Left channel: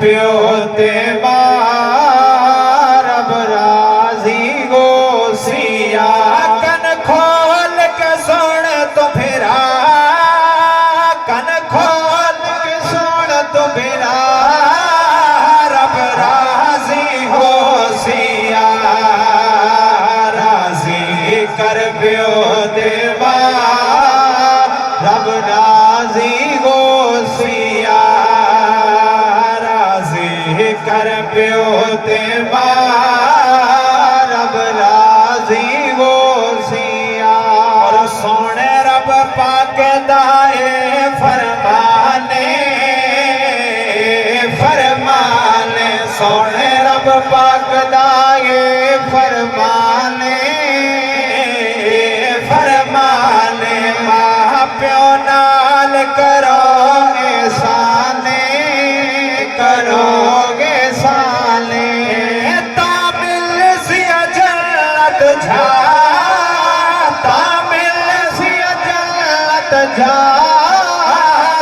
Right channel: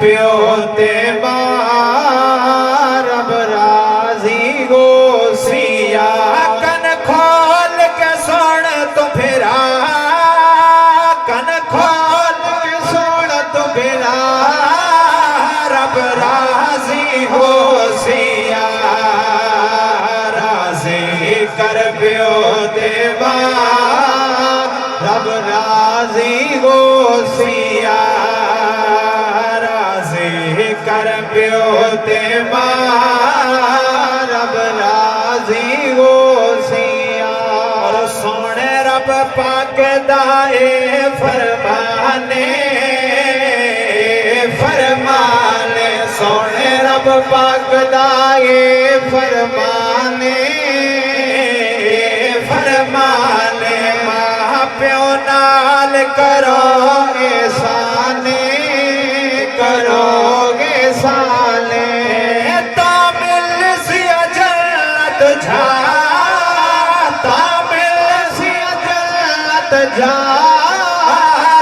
प्यो ते मां रब राजी गोसिया कन खोल के सुन तो फिरा कन खोल के सुन तो फिरा रब राजी होसिया राजी कर प्यो ते मां रब राजी गोसिया कर प्यो ते मां रब राजी गोसिया और सोने रब पाक दाए फरमाने फरमाने सोने रब पाक दाए फरमाने फरमाने मां प्यो नाल करो एहसाने करो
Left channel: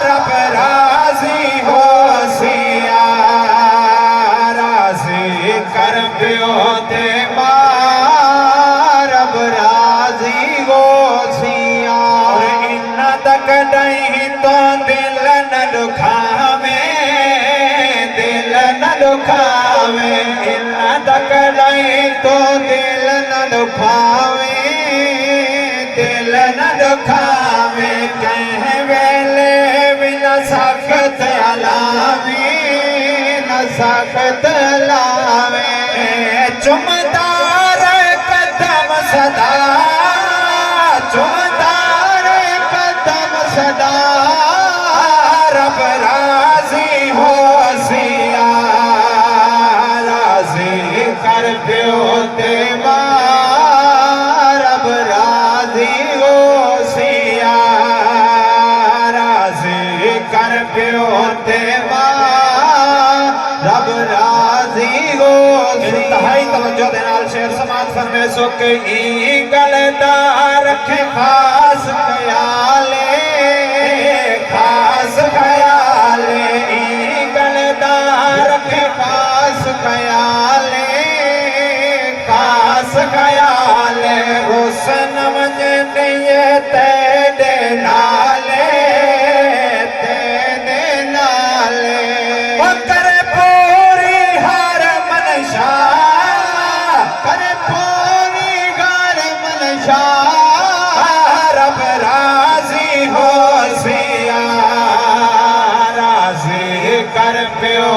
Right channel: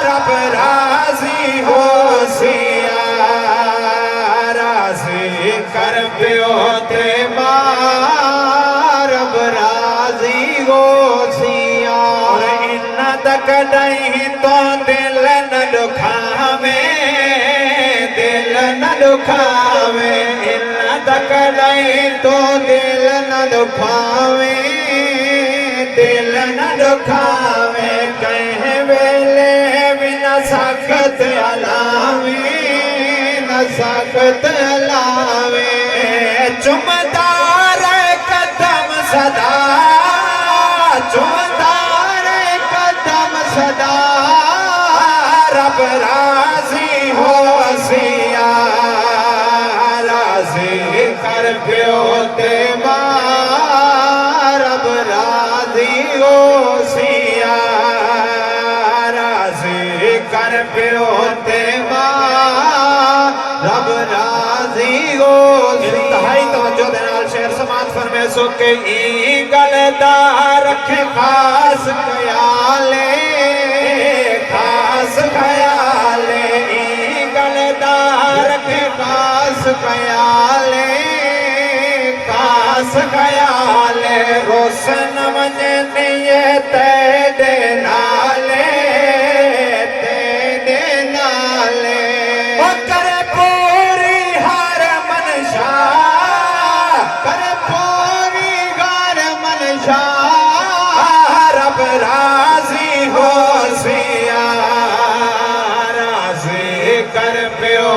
रब राजी होसिया राजी कर प्यो ते मां रब राजी गोसिया इन तक नहीं तो दिल न दुखावे दिल न दुखावे इन तक नहीं तो दिल न दुखावे दिल न दुखावे कह वेले बिना सख्त अलावे न सख्त लावे चुमदार कदम सदा चुमदार कदम सदा रब राजी होसिया राजी कर प्यो ते प्यो ते मां रब राजी गोसिया इंतहाई तवज्जो दे नाल शेर समात फरमे सो के ई गलदार रखे खास ख्याले ई गलदार रखे खास ख्याले रोशन मन नियत दे नाले करे पूरी हर मनशा करे पूरी हर मनशा रब राजी होसिया राजी कर प्यो